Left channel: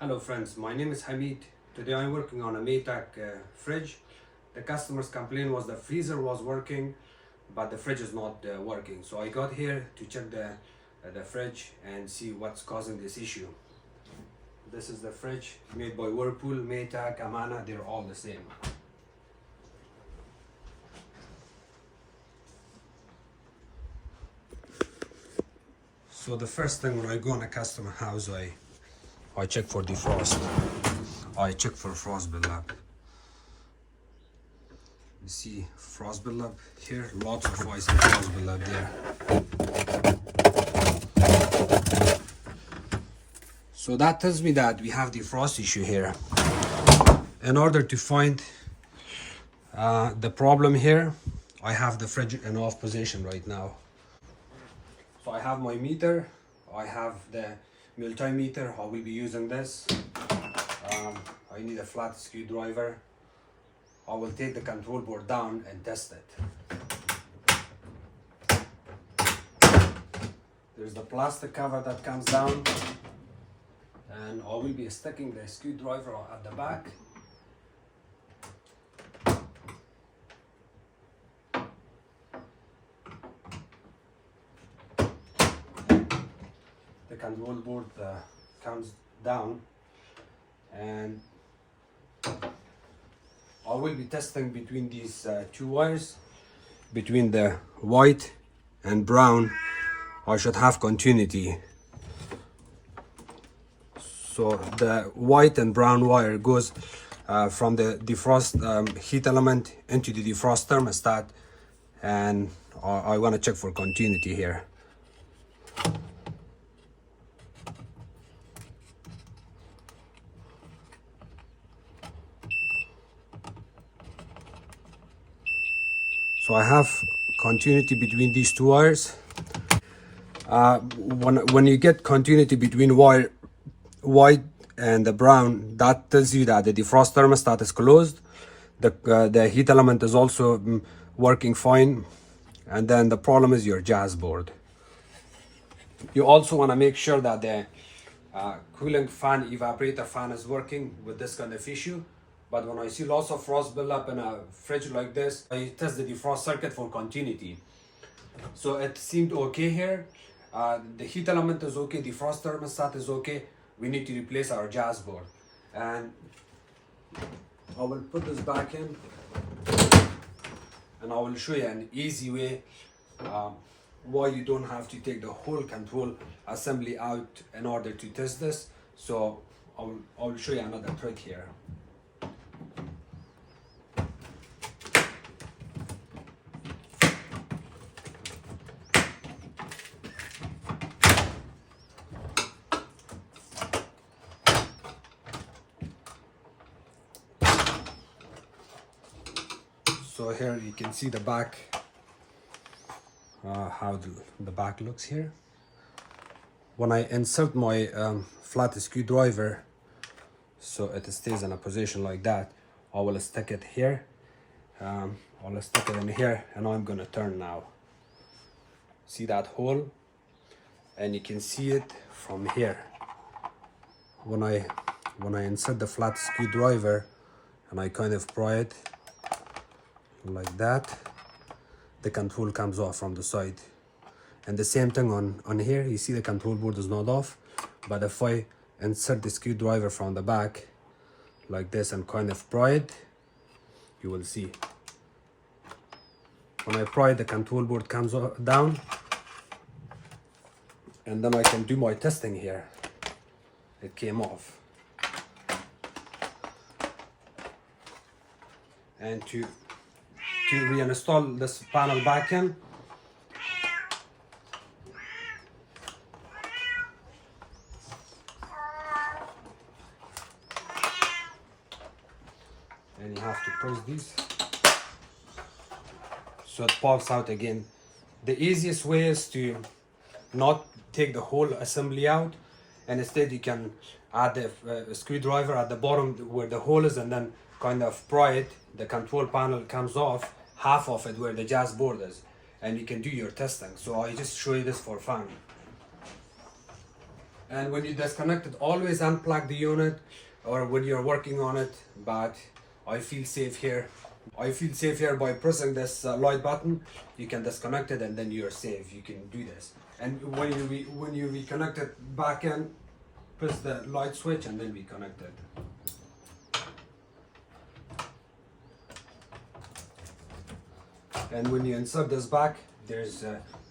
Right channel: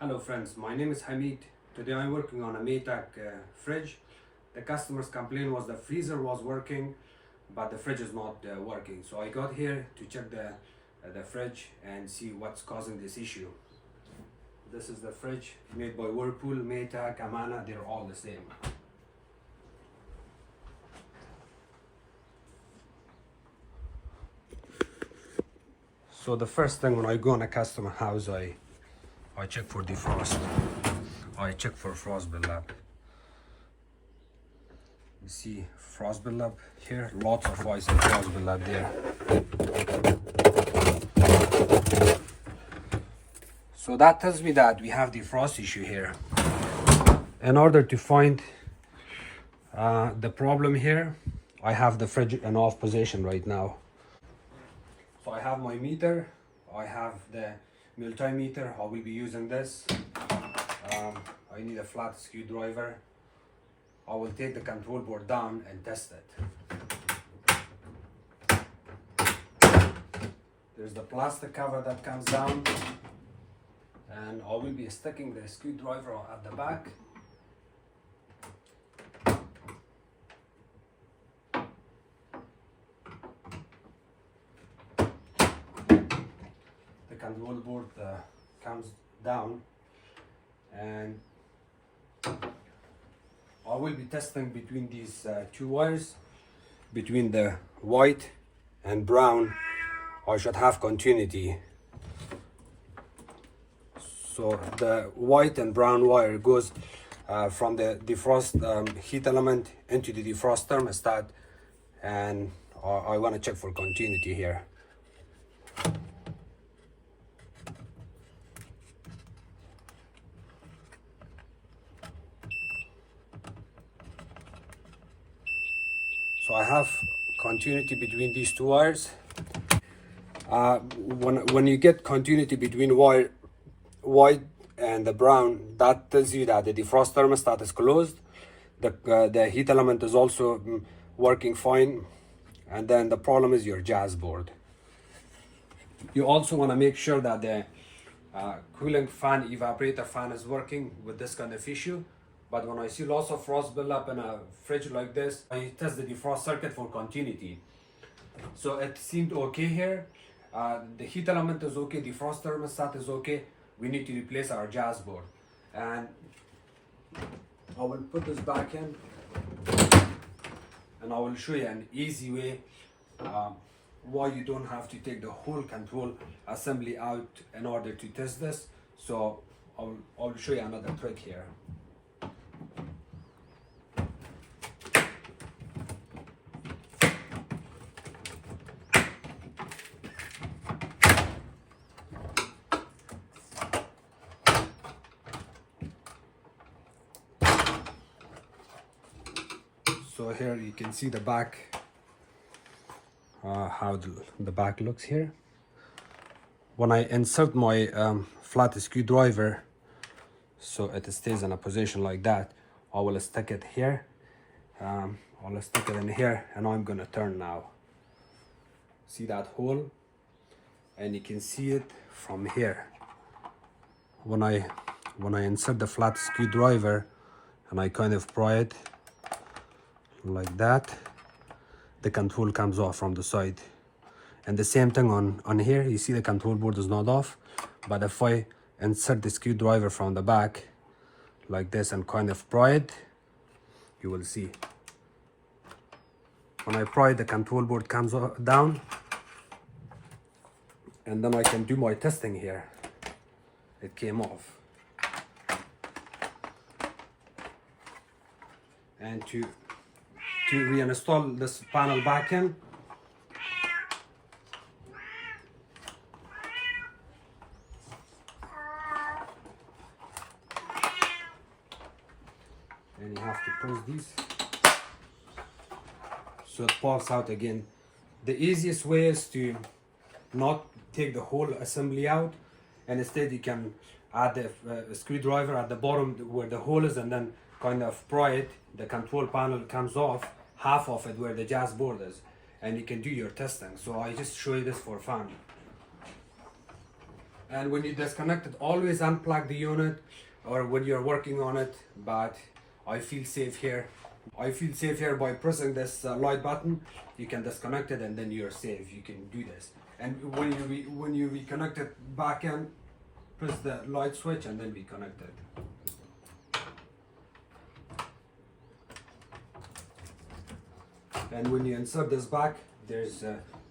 Hello friends, my name is Hamid. Today I'm working on a Maytag fridge. The customer's complaint was the freezer was working, but the fridge is not working. So I got here to check the fridge and see what's causing this issue. This is the fridge made by Whirlpool, Maytag, Amana, they're all the same. So the first thing when I go in a customer house, I check for defrost. I check for frost buildup. You see frost buildup here, lots of ice and frost buildup there. So that tells me that we have the frost issue here. In order to find the problem here, I have the fridge in off position right now. So I have my meter, I have the multimeter. I will be using this. I need a flat screwdriver. I will take the control board down and test it. There's the plastic cover that comes down, and I will be sticking the screwdriver at the back. The control board comes down, and I will be testing between these two wires, between the white and brown. I should have continuity. So the white and brown wire goes from the defrost heat element into the defrost thermostat, and I want to check for continuity here. So I have continuity between these two wires. When you get continuity between wire white and the brown, that tells you that the defrost thermostat is closed. The heat element is also working fine, and then the problem is your Jazzboard. You also want to make sure that the cooling fan, evaporator fan is working with this kind of issue. But when I see lots of frost buildup in a fridge like this, I test the defrost circuit for continuity. So it seemed okay here. The heat element is okay, defrost thermostat is okay. We need to replace our Jazzboard. And I will put this back in, and I will show you an easy way why you don't have to take the whole control assembly out in order to test this. So I will show you another trick here. So here you can see the back, how the back looks here. When I insert my flat screwdriver, so it stays in a position like that, I will stick it here. I'll stick it in here, and I'm gonna turn now. See that hole? And you can see it from here. When I insert the flat screwdriver and I kind of pry it like that, the control comes off from the side. And the same thing on here, you see the control board is not off, but if I insert the screwdriver from the back like this and kind of pry it, you will see when I pry, the control board comes down, and then I can do my testing here. It came off. And to reinstall this panel back in, and you have to press these so it pops out again. The easiest way is to not take the whole assembly out, and instead you can add the screwdriver at the bottom where the hole is, and then kind of pry it. The control panel comes off, half of it where the Jazzboard is, and you can do your testing. So I just show you this for fun. And when you disconnect it, always unplug the unit or when you're working on it. But I feel safe here. I feel safe here by pressing this light button. You can disconnect it and then you're safe. You can do this. And when you reconnect it back in, press the light switch and then reconnect it. And when you insert this back, there's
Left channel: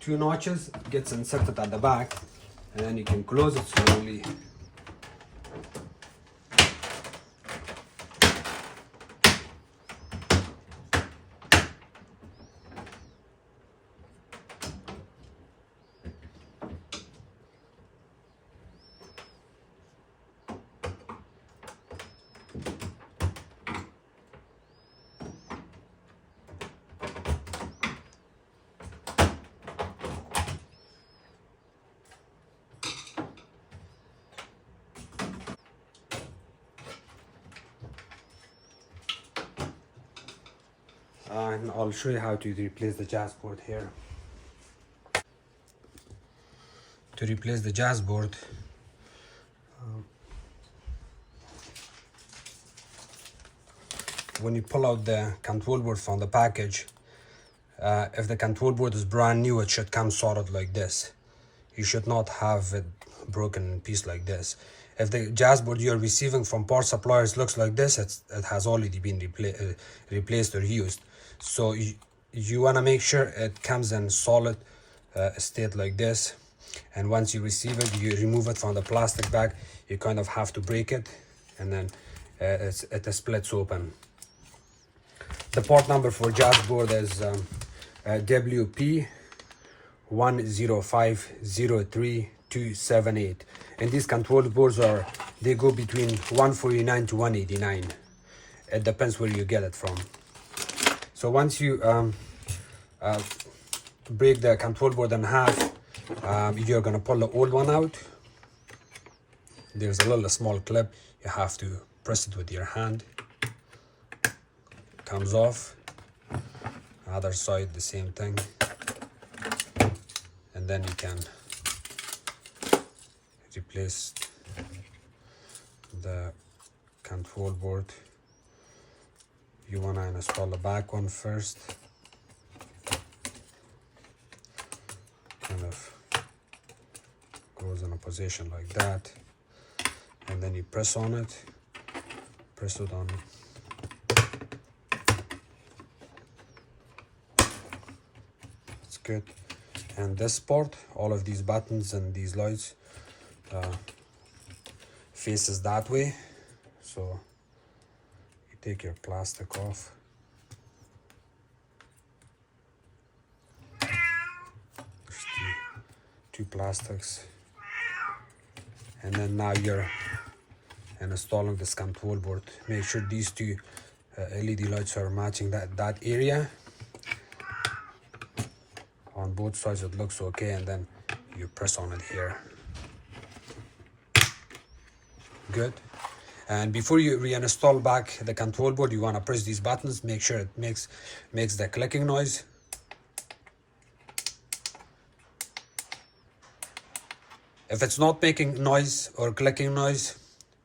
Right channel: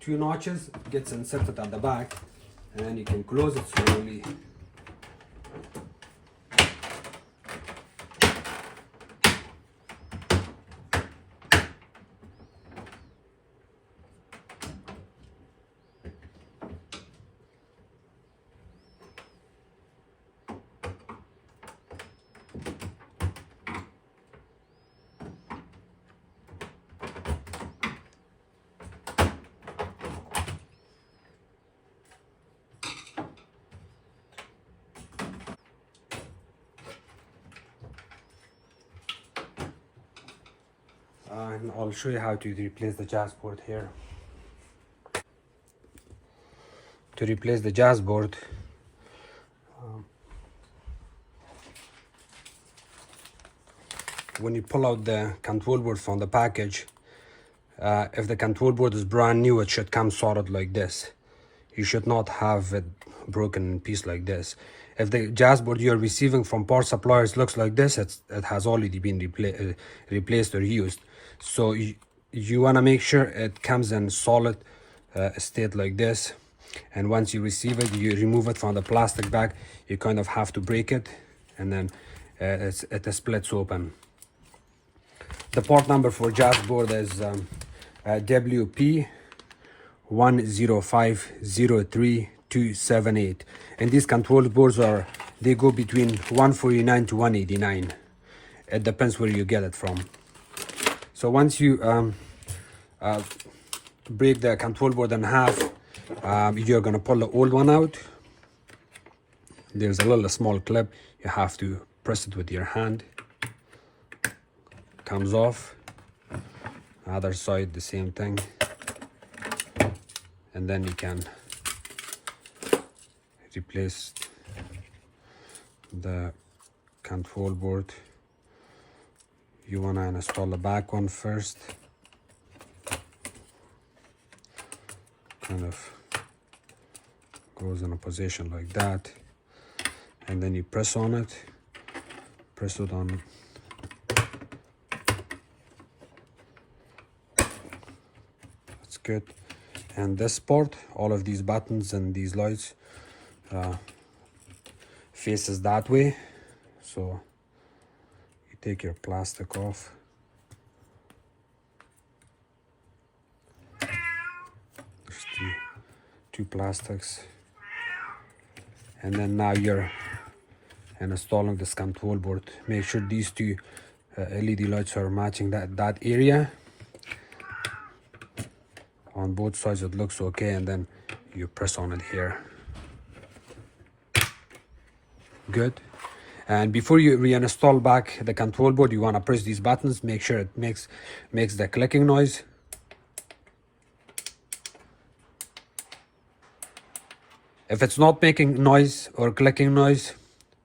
2 notches. It gets inserted at the back, and then you can close it slowly. And I'll show you how to replace the Jazzboard here. To replace the Jazzboard, when you pull out the control board from the package, if the control board is brand new, it should come sorted like this. You should not have it broken in piece like this. If the Jazzboard you're receiving from power suppliers looks like this, it has already been replaced or used. So you want to make sure it comes in solid state like this. And once you receive it, you remove it from the plastic bag. You kind of have to break it, and then it splits open. The part number for Jazzboard is WP 10503-278, and these control boards they go between 149 to 189. It depends where you get it from. So once you break the control board in half, you're gonna pull the old one out. There's a little small clip. You have to press it with your hand. Comes off. Other side the same thing. And then you can replace the control board. You want to install the back one first. Kind of goes in a position like that, and then you press on it. Press it on. It's good. And this part, all of these buttons and these lights faces that way. So you take your plastic off. There's two plastics. And then now you're installing this control board. Make sure these two LED lights are matching that area. On both sides it looks okay, and then you press on it here. Good. And before you reinstall back the control board, you want to press these buttons. Make sure it makes the clicking noise. If it's not making noise or clicking noise,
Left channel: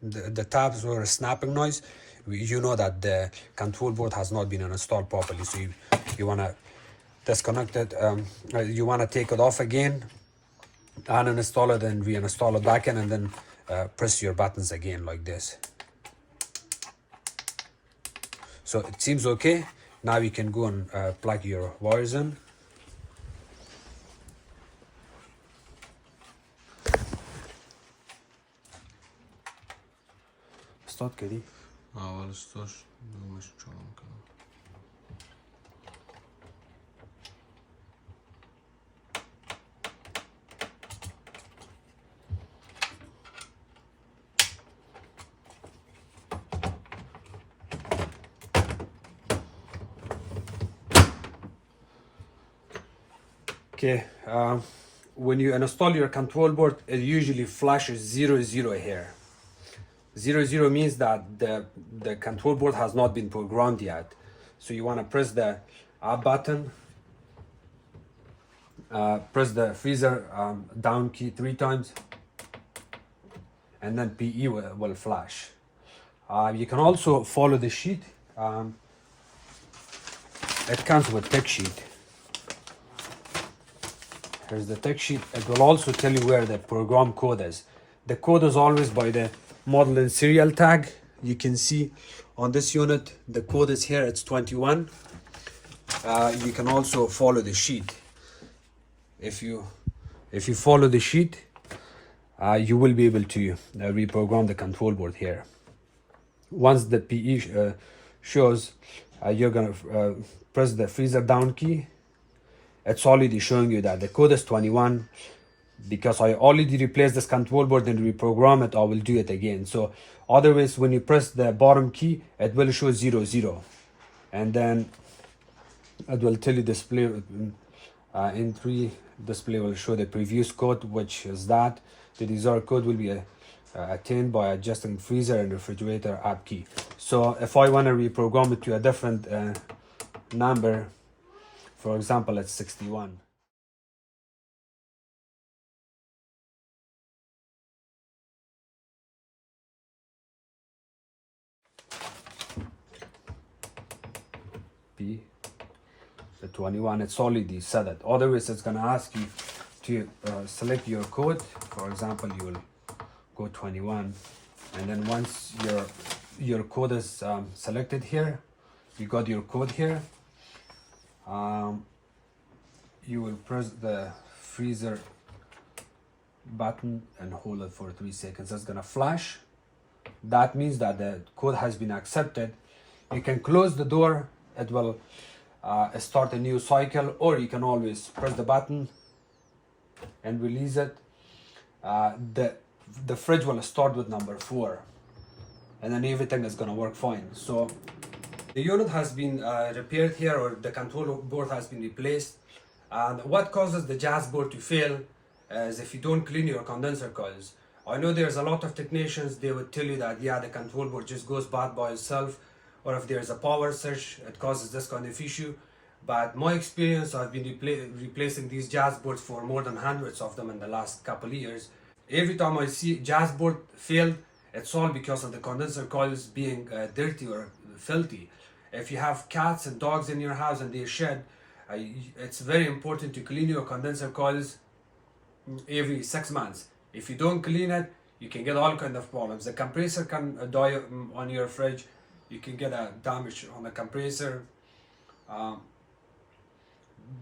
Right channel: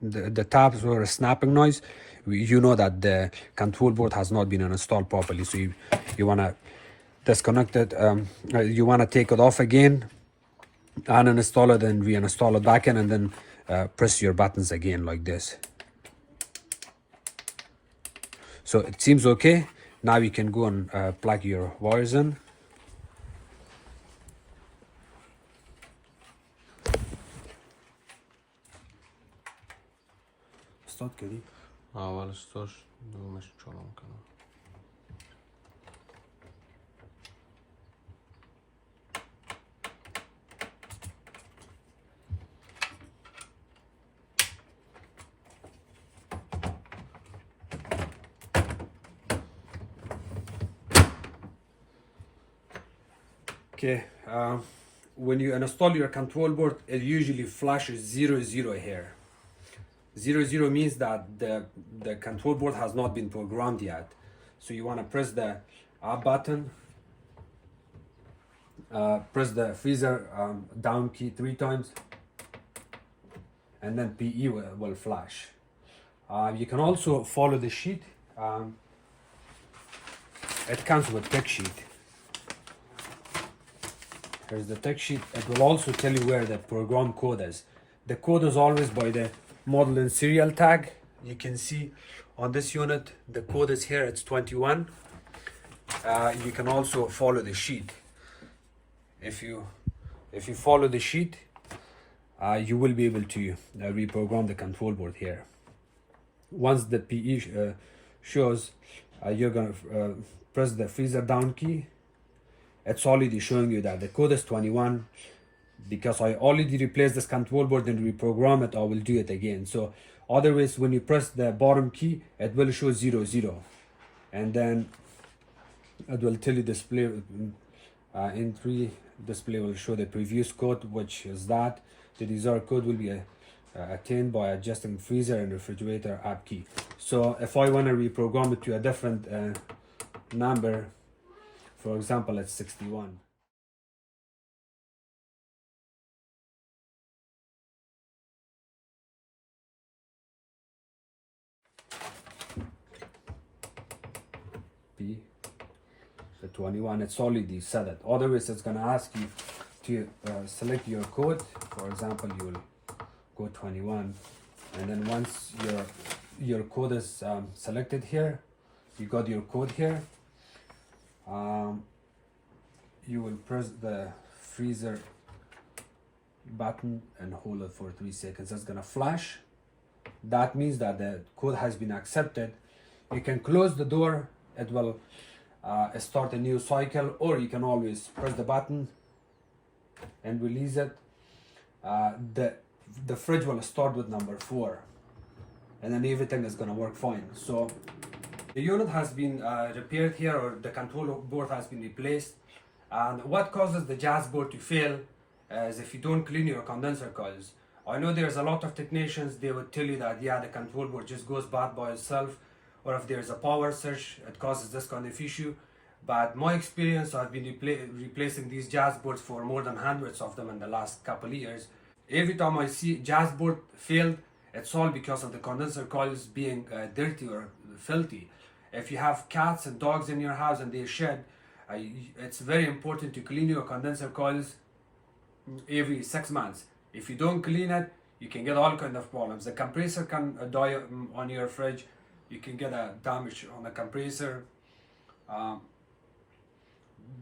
the tabs or a snapping noise, you know that the control board has not been installed properly. So you want to disconnect it. You want to take it off again, uninstall it, and reinstall it back in, and then press your buttons again like this. So it seems okay. Now you can go and plug your wires in. Start كده. أول ستوش دو مش شلون كده. Okay, when you install your control board, it usually flashes 00 here. 00 means that the control board has not been programmed yet. So you want to press the up button, press the freezer down key 3 times, and then PE will flash. You can also follow the sheet. It comes with tech sheet. Here's the tech sheet. It will also tell you where the program code is. The code is always by the model and serial tag. You can see on this unit, the code is here, it's 21. You can also follow the sheet. If you follow the sheet, you will be able to reprogram the control board here. Once the PE shows, you're gonna press the freezer down key. It's already showing you that the code is 21. Because I already replaced this control board and reprogram it, I will do it again. So otherwise, when you press the bottom key, it will show 00, and then it will tell you display in 3 display will show the previous code, which is that the desired code will be attained by adjusting freezer and refrigerator app key. So if I want to reprogram it to a different number, for example, it's 61. The 21, it's already set it. Otherwise, it's gonna ask you to select your code. For example, you will go 21, and then once your code is selected here, you got your code here. You will press the freezer button and hold it for 3 seconds. It's gonna flash. That means that the code has been accepted. You can close the door. It will start a new cycle, or you can always press the button and release it. The fridge will start with number 4, and then everything is gonna work fine. So the unit has been repaired here, or the control board has been replaced. And what causes the Jazzboard to fail is if you don't clean your condenser coils. I know there's a lot of technicians, they would tell you that yeah, the control board just goes bad by itself, or if there's a power surge, it causes this kind of issue. But my experience, I've been replacing these Jazzboards for more than hundreds of them in the last couple of years. Every time I see Jazzboard failed, it's all because of the condenser coils being dirty or filthy. If you have cats and dogs in your house and they shed, it's very important to clean your condenser coils every 6 months. If you don't clean it, you can get all kinds of problems. The compressor can die on your fridge. You can get a damage on the compressor.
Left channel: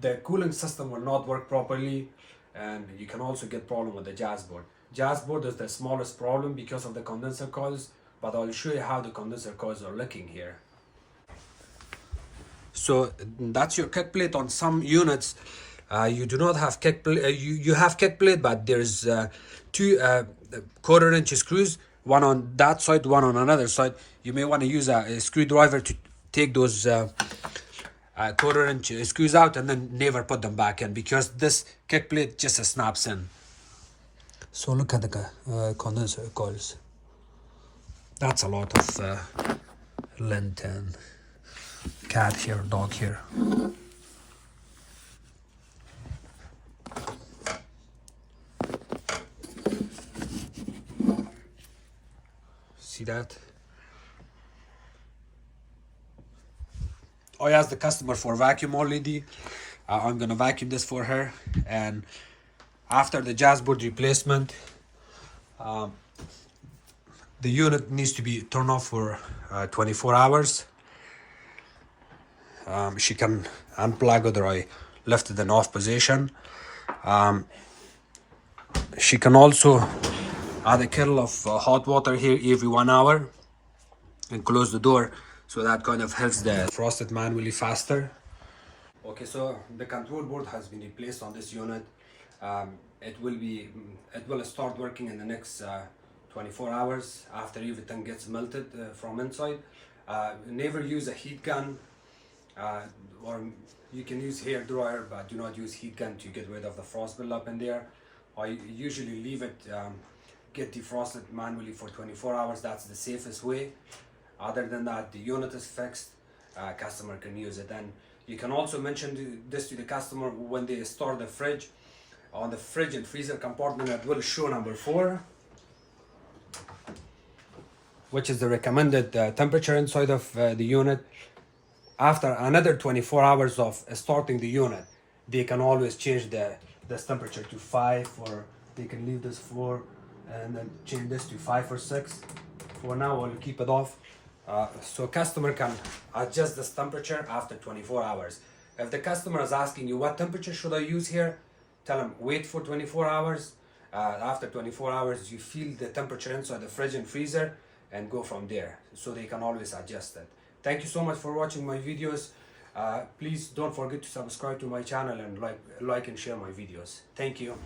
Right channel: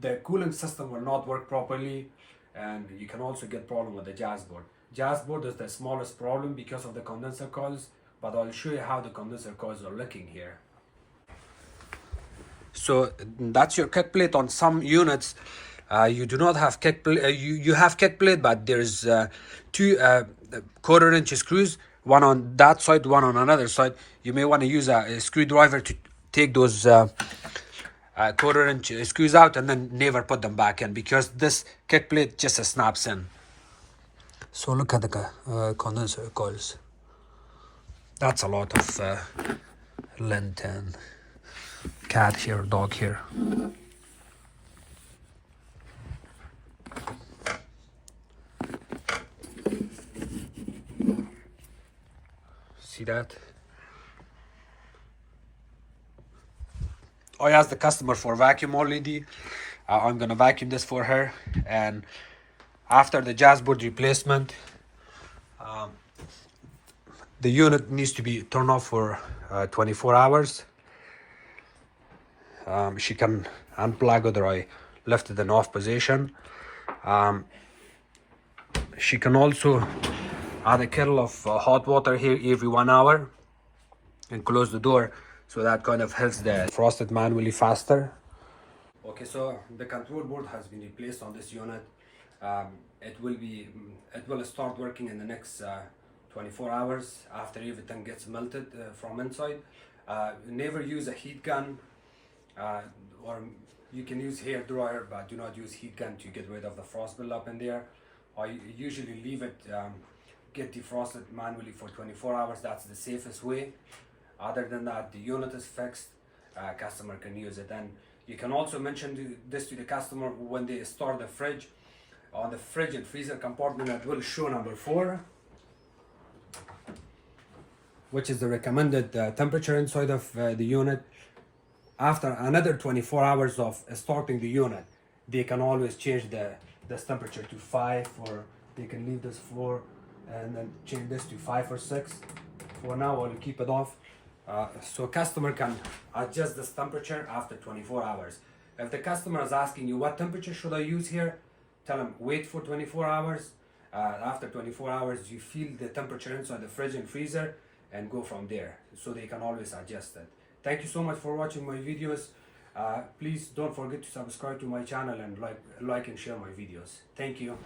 The cooling system will not work properly, and you can also get problem with the Jazzboard. Jazzboard is the smallest problem because of the condenser coils, but I'll show you how the condenser coils are looking here. So that's your kick plate. On some units, you do not have kick plate. You have kick plate, but there's 2 quarter-inch screws, one on that side, one on another side. You may want to use a screwdriver to take those quarter-inch screws out and then never put them back in, because this kick plate just snaps in. So look at the condenser coils. That's a lot of lint and cat here, dog here. See that? I asked the customer for vacuum already. I'm gonna vacuum this for her, and after the Jazzboard replacement, the unit needs to be turned off for 24 hours. She can unplug it, or I left it in off position. She can also add a kettle of hot water here every 1 hour and close the door, so that kind of helps the frosted manually faster. Okay, so the control board has been replaced on this unit. It will start working in the next 24 hours after everything gets melted from inside. Never use a heat gun, or you can use hair dryer, but do not use heat gun to get rid of the frost buildup in there. I usually leave it get defrosted manually for 24 hours. That's the safest way. Other than that, the unit is fixed. Customer can use it, and you can also mention this to the customer when they start the fridge. On the fridge and freezer compartment, it will show number 4. which is the recommended temperature inside of the unit. After another 24 hours of starting the unit, they can always change this temperature to 5, or they can leave this 4 and then change this to 5 or 6. For now, I'll keep it off. So customer can adjust this temperature after 24 hours. If the customer is asking you what temperature should I use here, tell them wait for 24 hours. After 24 hours, you feel the temperature inside the fridge and freezer and go from there. So they can always adjust it. Thank you so much for watching my videos. Please don't forget to subscribe to my channel and like and share my videos. Thank you.